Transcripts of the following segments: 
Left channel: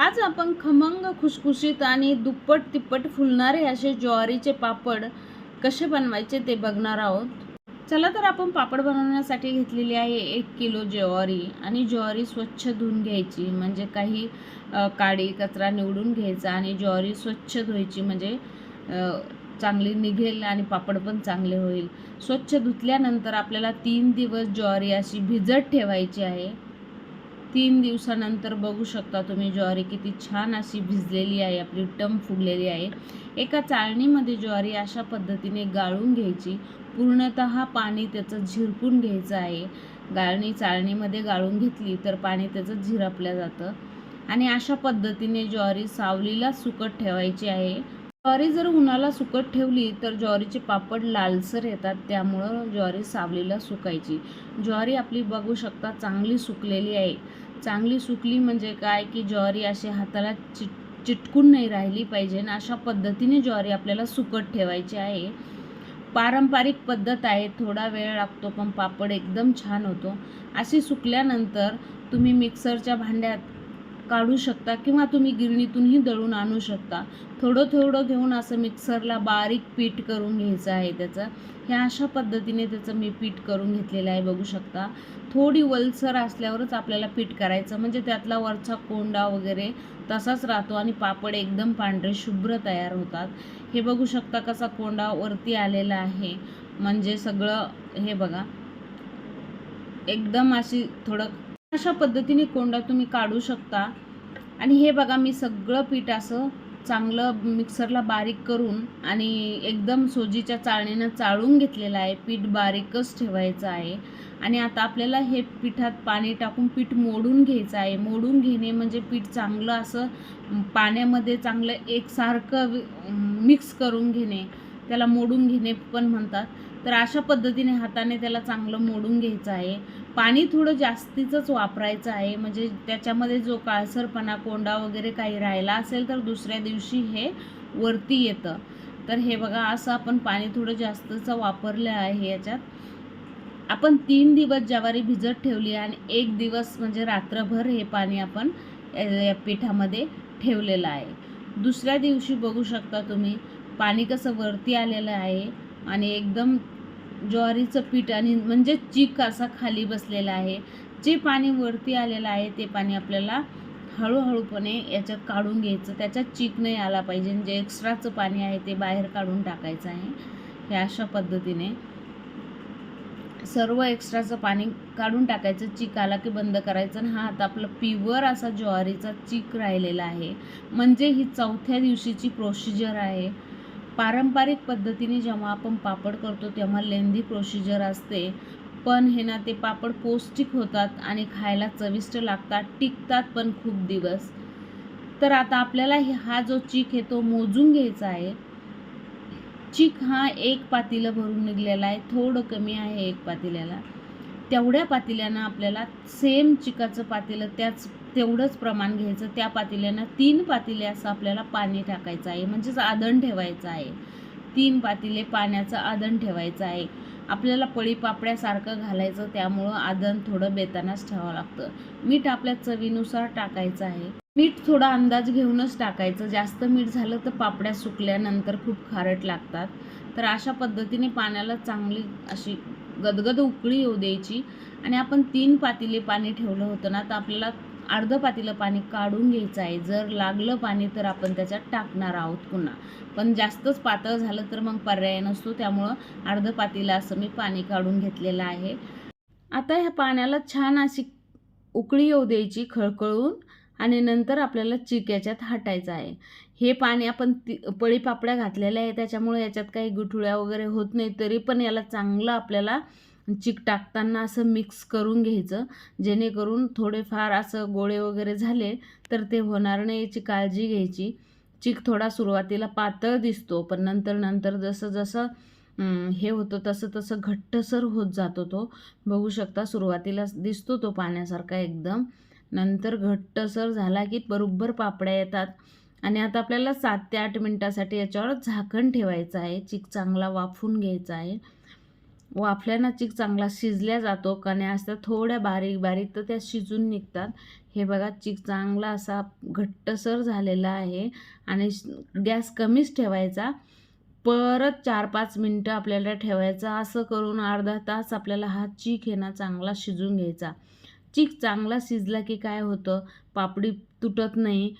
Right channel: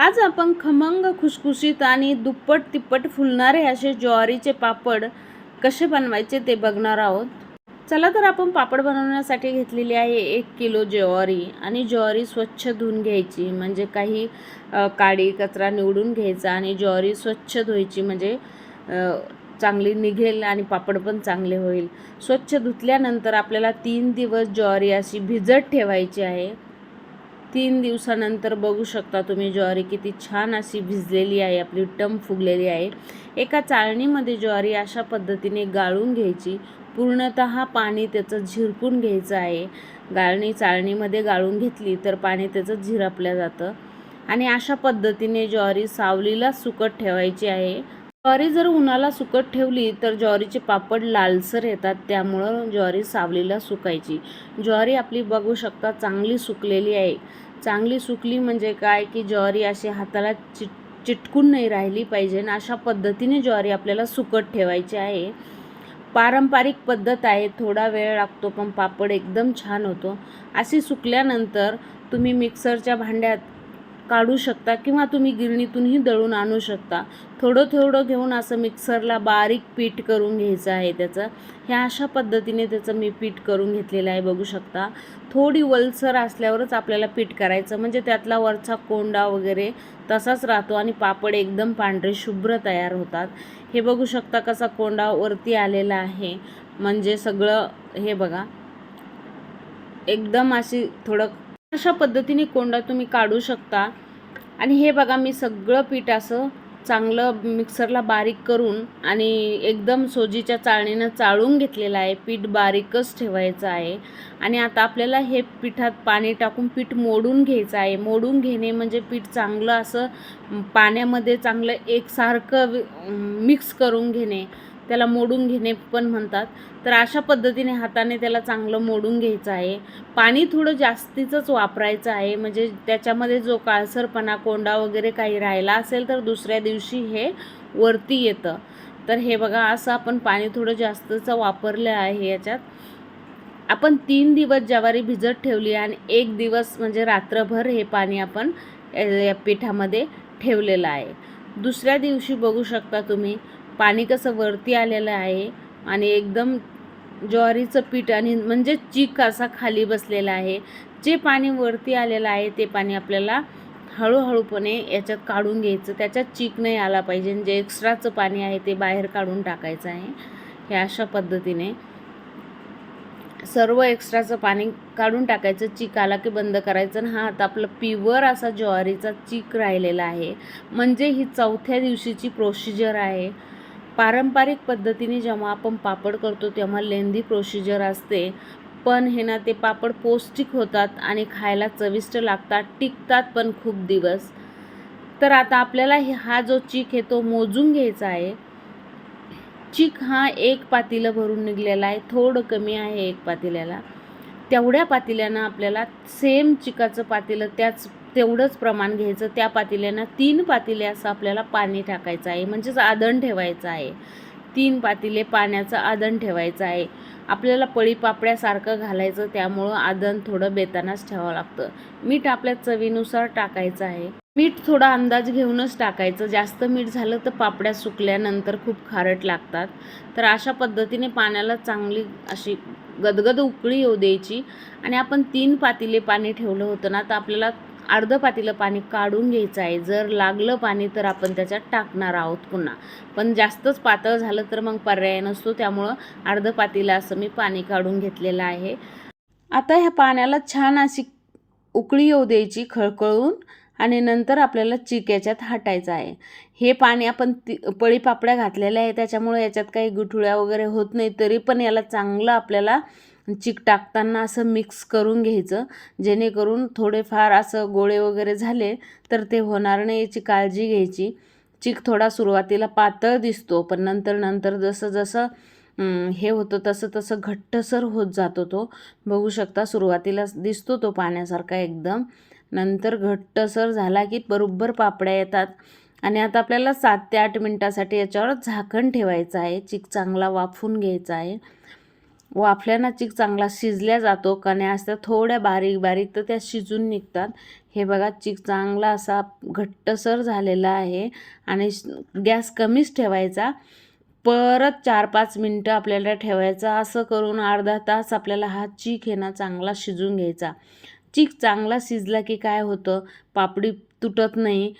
आज आपण खमंग खुसखुशीत आणि दुप्पट तिप्पट फुलणारे असे ज्वारीचे पापड कसे बनवायचे ते बघणार आहोत. चला तर आपण पापड बनवण्यासाठी घेतलेली आहे एक किलो ज्वारी आणि ज्वारी स्वच्छ धुवून घ्यायची म्हणजे काही काडी कचरा निवडून घ्यायचा आणि ज्वारी स्वच्छ धुवायची म्हणजे चांगली निघेल आणि पापड पण चांगले होईल. स्वच्छ धुतल्यानंतर आपल्याला तीन दिवस ज्वारी अशी भिजत ठेवायची आहे. तीन दिवसानंतर बघू शकता तुम्ही ज्वारी किती छान अशी भिजलेली आहे आपली टम फुगलेली आहे. एका चाळणीमध्ये ज्वारी अशा पद्धतीने गाळून घ्यायची. पूर्णत पाणी त्याचं झिरपून घ्यायचं आहे. गाळणी चाळणीमध्ये गाळून घेतली तर पाणी त्याचं झिरपलं जातं. आणि अशा पद्धतीने ज्वारी सावलीला सुकट ठेवायची आहे. ज्वारी जर उन्हाला सुकत ठेवली तर ज्वारीचे पापड लालसर येतात. त्यामुळं ज्वारी सावलीला सुकायची. ज्वारी आपली बघू शकता चांगली सुकलेली आहे. चांगली सुकली म्हणजे काय की ज्वारी अशी हाताला चिट चिटकून नाही राहिली पाहिजे आणि अशा पद्धतीने ज्वारी आपल्याला सुकत ठेवायची आहे. पारंपरिक पद्धत आहे थोडा वेळ लागतो पण पापड एकदम छान होतो. अशी सुकल्यानंतर तुम्ही मिक्सरच्या भांड्यात काढू शकता किंवा तुम्ही गिरणीतूनही दळून आणू शकता. थोडं थोडं घेऊन असं मिक्सरला बारीक पीठ करून घ्यायचं आहे त्याचं. ह्या अशा पद्धतीने त्याचं मी पीठ करून घेतलेलं आहे बघू शकता. थोडी वलसर असल्यावरच आपल्याला पीठ करायचं म्हणजे त्यातला वरचा कोंडा वगैरे तसाच राहतो आणि पापड एकदम पांढरे शुभ्र तयार होतात. हे बघू शकता कसा कोंडा वरती आलेला आहे. म्हणजे सगळं हे बघा. एकदम अशी थोडं अशा पद्धतीने कोंडा तुम्ही काढू शकता. आणि हे बघा मी सगळं पीठ असं चांगलं मिक्सरला बारीक करून आणि एकदम सोजीच्या चाळणीनं चाळून घेतलेलं आहे. पीठ बारीकच ठेवायचं आहे. आणि आता आपल्याला हे पिठात पाणी टाकून पीठ मोडून घ्यायचं आहे. मोडून घेणे म्हणजे पीठ चांगलं असं पाण्यामध्ये चांगलं एकसारखं मिक्स करून घेणे. त्याला मोडून घेणे पण म्हणतात. तर अशा पद्धतीने हाताने त्याला चांगलं मोडून घ्यायचं आहे. पाणी थोडं जास्तीचंच वापरायचं आहे. म्हणजे त्याच्यामध्ये जो काळसरपणा कोंडा वगैरे काही राहिला असेल तर दुसऱ्या दिवशी हे वरती येतं. तर हे बघा असं आपण पाणी थोडं जास्तचं वापरलं आहे याच्यात. आपण तीन दिवस ज्वारी भिजत ठेवली आणि एक दिवस म्हणजे रात्रभर हे पाणी आपण या पिठामध्ये ठेवलेलं आहे. दुसऱ्या दिवशी बघू शकता तुम्ही पाणी कसं वरती आलेलं आहे आणि एकदम ज्वारीचं पीठ आणि म्हणजे चीक असा खाली बसलेला आहे. जे पाणी वरती आलेलं आहे ते पाणी आपल्याला हळूहळूपणे याच्यात काढून घ्यायचं. त्याच्यात चीक नाही आला पाहिजे. जे एक्स्ट्राचं पाणी आहे ते बाहेर काढून टाकायचं आहे. हे अशा पद्धतीने सर्व एक्स्ट्राचं पाणी काढून टाकायचं. चीक आला की बंद करायचं. आणि हा आता आपलं प्युअर असा ज्वारीचा चीक राहिलेला आहे. म्हणजे ही चौथ्या दिवशीची प्रोसिजर आहे. पारंपरिक पद्धतीने जेव्हा आपण पापड करतो तेव्हा लेंदी प्रोसिजर असते. पण हे ना ते पापड पौष्टिक होतात आणि खायला चविष्ट लागतात टिकतात पण खूप दिवस. तर आता आपल्याला हा जो चीक आहे तो मोजून घ्यायचा आहे. चीक हा एक पातीलं भरून निघलेला आहे. थोडं कमी आहे एक पातेल्याला. तेवढ्या पातेल्यानं आपल्याला सेम चिकाचं पातेलं त्याच तेवढंच प्रमाण घ्यायचं. त्या पातेल्यानं तीन पातेले असं आपल्याला पाणी टाकायचं आहे. म्हणजेच आदण ठेवायचं आहे. तीन पातेले पाण्याचं आदण ठेवायचं आहे. आपल्याला पळी पापड्यासारखं घालायचं त्यामुळं आदण थोडं बेतानाच ठेवावं लागतं. मीठ आपल्या चवीनुसार टाकायचं आहे. मीठ थोडा अंदाज घेऊनच टाकायचं. जास्त मीठ झालं तर पापड्या सुकल्यानंतर खूप खारट लागतात. तर अशा पद्धतीने पाण्याला चांगली अशी गदगद उकळी येऊ द्यायची. आणि आपण तीन पातेले पाणी ठेवलं होतं ना तर आपल्याला अर्धं पातीलं पाणी काढून घ्यायचं आहे. जर लागलं पाणी तर आपण त्याच्यात टाकणार आहोत पुन्हा. पण जास्तच पातळ झालं तर मग पर्याय नसतो. त्यामुळं अर्धं पातीला असं मी पाणी काढून घेतलेलं आहे. आता ह्या पाण्याला छान अशी उकळी येऊ द्यायची खळखळून आणि नंतर आपल्याला चिक याच्यात हाटायचं आहे. हे पाणी आपण ती पळी पापड्या घातलेल्या आहे त्याच्यामुळे याच्यात काही गुठुळ्या वगैरे होत नाही तरी पण याला चांगलं आपल्याला चिक टाकताना असं मिक्स करून घ्यायचं. जेणेकरून थोडेफार असं गोळे वगैरे झाले तर ते होणार नाही याची काळजी घ्यायची. चिक थोडा सुरुवातीला पातळ दिसतो पण नंतर नंतर जसं जसं हे होतं तसं तसं घट्टसर होत जातो तो. बघू शकता सुरुवातीला दिसतो तो पाण्यासारखा एकदम. नंतर घट्टसर झाला की बरोबर पापड्या येतात. आणि आता आपल्याला सात ते आठ मिनटासाठी याच्यावर झाकण ठेवायचं आहे. चिक चांगला वाफून घ्यायचा आहे. वाफल्यानं चिक चांगला शिजल्या जातो कण्या असतात थोड्या बारीक बारीक तर त्या शिजून निघतात. हे बघा चिक चांगला असा घट्टसर झालेला आहे आणि गॅस कमीच ठेवायचा. परत चार पाच मिनटं आपल्याला ठेवायचा. असं करून अर्धा तास आपल्याला हा चीक हे ना चांगला शिजून घ्यायचा. चीक चांगला शिजला की काय होतं? पापडी तुटत नाही.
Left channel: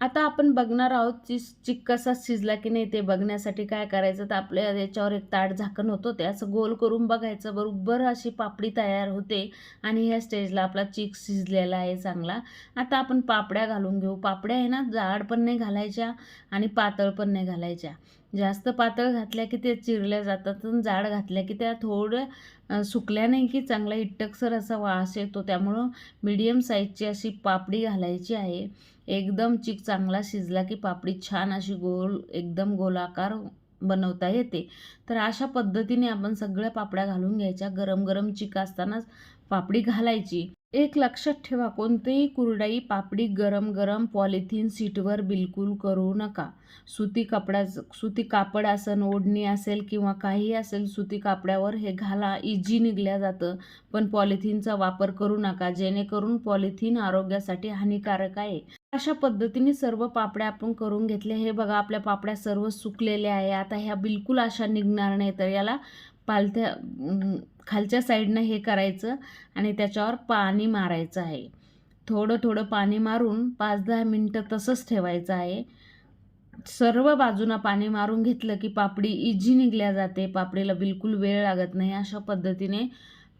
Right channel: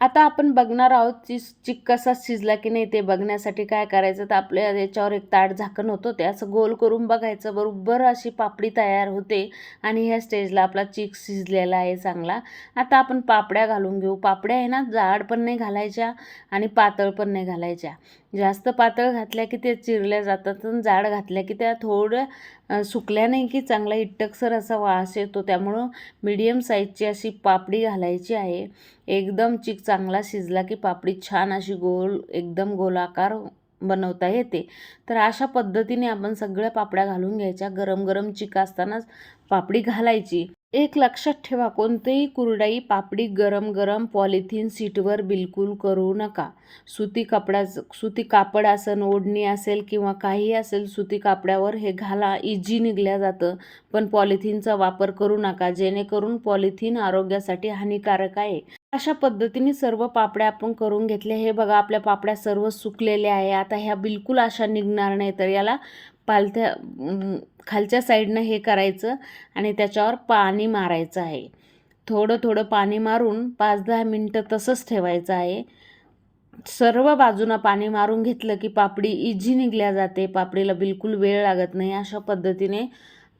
आता आपण बघणार आहोत ची चिक कसा शिजला की नाही ते बघण्यासाठी काय करायचं. तर आपल्या याच्यावर एक ताट झाकण होतं ते. असं गोल करून बघायचं. बरोबर अशी पापडी तयार होते. आणि ह्या स्टेजला आपला चिक शिजलेला आहे चांगला. आता आपण पापड्या घालून घेऊ. पापड्या आहे ना जाड पण नाही घालायच्या आणि पातळ पण नाही घालायच्या. जास्त पातळ घातल्या की ते चिरल्या जातात आणि जाड घातल्या की त्या थोड्या सुकल्या नाही की चांगला इट्टकसर असा वास येतो. त्यामुळं मीडियम साईजची अशी पापडी घालायची आहे. एकदम चिक चांगला शिजला की पापडी छान अशी गोल एकदम गोलाकार बनवता येते. तर अशा पद्धतीने आपण सगळ्या पापड्या घालून घ्यायच्या. गरम गरम चिक असतानाच पापडी घालायची. एक लक्षात ठेवा कोणतेही कुरडाई पापडी गरम गरम पॉलिथिन सीटवर बिलकुल करू नका. सुती कपडा सुती कापड असेल ओढणी असेल किंवा काही असेल सुती कापड्यावर हे घाला. इजी निघल्या जातं. पण पॉलिथिनचा वापर करू नका. जेणेकरून पॉलिथिन आरोग्यासाठी हानिकारक आहे. अशा पद्धतीने सर्व पापड्या आपण करून घेतल्या. हे बघा आपल्या पापड्या सर्व सुकलेल्या आहे. आता ह्या बिलकुल अशा निघणार नाही तर याला पालथ्या खालच्या साईडनं हे करायचं आणि त्याच्यावर पाणी मारायचं आहे. थोडं थोडं पाणी मारून पाच दहा मिनटं तसंच ठेवायचं आहे. सर्व बाजूनं पाणी मारून घेतलं की पापडी इझी निघल्या जाते. पापडीला बिलकुल वेळ लागत नाही. अशा पद्धतीने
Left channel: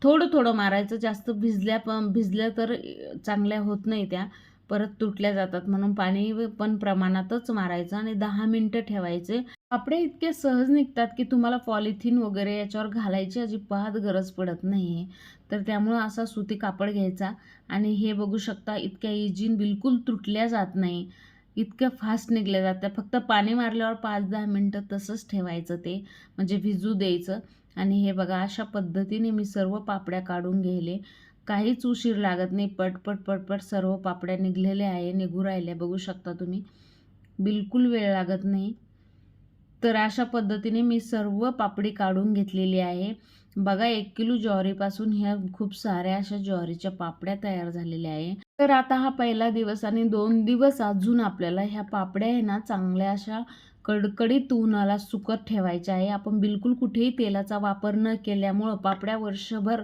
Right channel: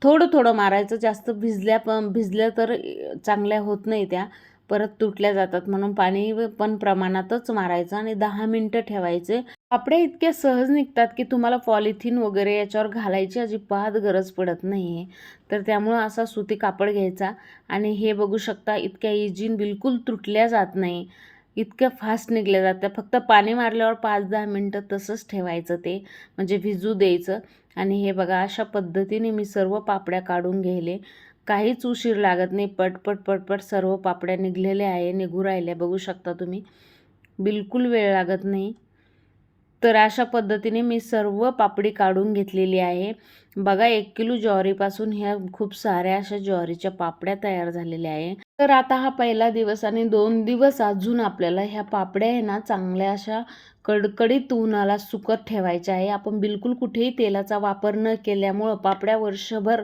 थोडं थोडं मारायचं. जास्त भिजल्या पण भिजल्या तर चांगल्या होत नाही त्या. परत तुटल्या जातात म्हणून पाणी पण प्रमाणातच मारायचं आणि दहा मिनटं ठेवायचे. पापड्या इतक्या सहज निघतात की तुम्हाला पॉलिथिन वगैरे याच्यावर घालायची अजिबात गरज पडत नाही आहे तर त्यामुळं असा सुती कापड घ्यायचा. आणि हे बघू शकता इतक्या इजीन बिलकुल तुटल्या जात नाही. इतक्या फास्ट निघल्या जात्या फक्त पाणी मारल्यावर पाच दहा मिनटं तसंच ठेवायचं ते. म्हणजे भिजू द्यायचं. आणि हे बघा अशा पद्धतीने मी सर्व पापड्या काढून घ्यायले काहीच उशीर लागत नाही. पटपट पटपट सर्व पापड्या निघलेल्या आहे निघू राहिल्या. बघू शकता तुम्ही. बिलकुल वेळ लागत नाही. तर अशा पद्धतीने मी सर्व पापडी काढून घेतलेली आहे. बघा एक किलो ज्वारीपासून ह्या खूप साऱ्या अशा ज्वारीच्या पापड्या तयार झालेल्या आहे. तर आता हा पहिला दिवस आणि दोन दिवस अजून आपल्याला ह्या पापड्या आहे ना चांगल्या अशा कडकडीत उन्हाला सुकत ठेवायच्या आहे. आपण बिलकुल कुठेही तेलाचा वापर न केल्यामुळं पापड्या वर्षभर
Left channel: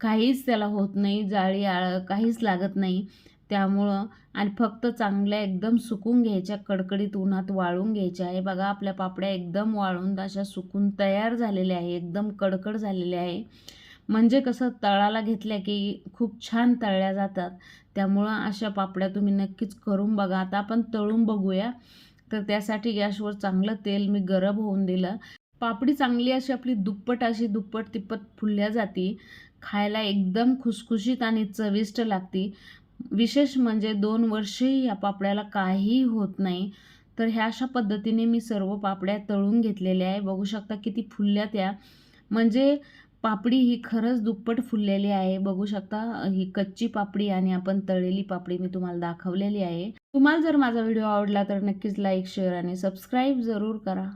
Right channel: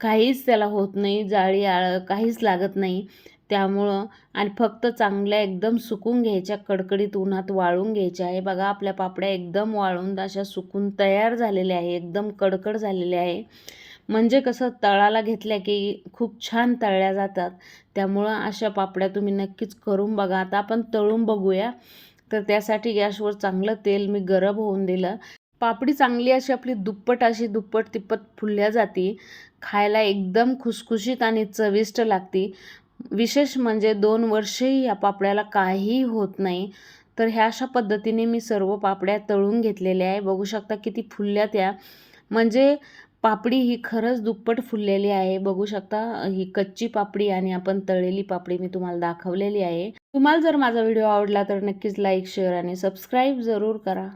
काहीच त्याला होत नाही जाळी आळ काहीच लागत नाही. त्यामुळं आणि फक्त चांगल्या एकदम सुकून घ्यायच्या कडकडीत उन्हात वाळून घ्यायच्या. आहे बघा आपल्या पापड्या एकदम वाळून अशा सुकून तयार झालेल्या आहे एकदम कडकड झालेल्या आहे. म्हणजे कसं तळाला घेतल्या की खूप छान तळल्या जातात. त्यामुळं अशा पापड्या तुम्ही नक्कीच करून बघा. आता आपण तळून बघूया. तर त्यासाठी गॅसवर चांगलं तेल मी गरम होऊन दिलं. पापडी चांगली अशी आपली दुप्पट अशी दुप्पट तिप्पट फुलल्या जाती. खायला एकदम खुसखुशीत आणि चविष्ट लागती. विशेष म्हणजे दोन वर्षेही या पापड्याला काहीही होत नाही. तर ह्या अशा पद्धतीने मी सर्व पापड्या तळून घेतलेल्या आहे. बघू शकता किती फुलल्या त्या. म्हणजे पापडी ही खरंच दुप्पट फुललेली आहे. बघू शकता ही कच्ची पापडी आणि आपण तळलेली पापडी मी तुम्हाला दाखवलेली आहे. तुम्हाला जर माझा व्हिडिओ आवडला तर नक्कीच लाईक शेअर आणि सबस्क्राईब जरूर करा.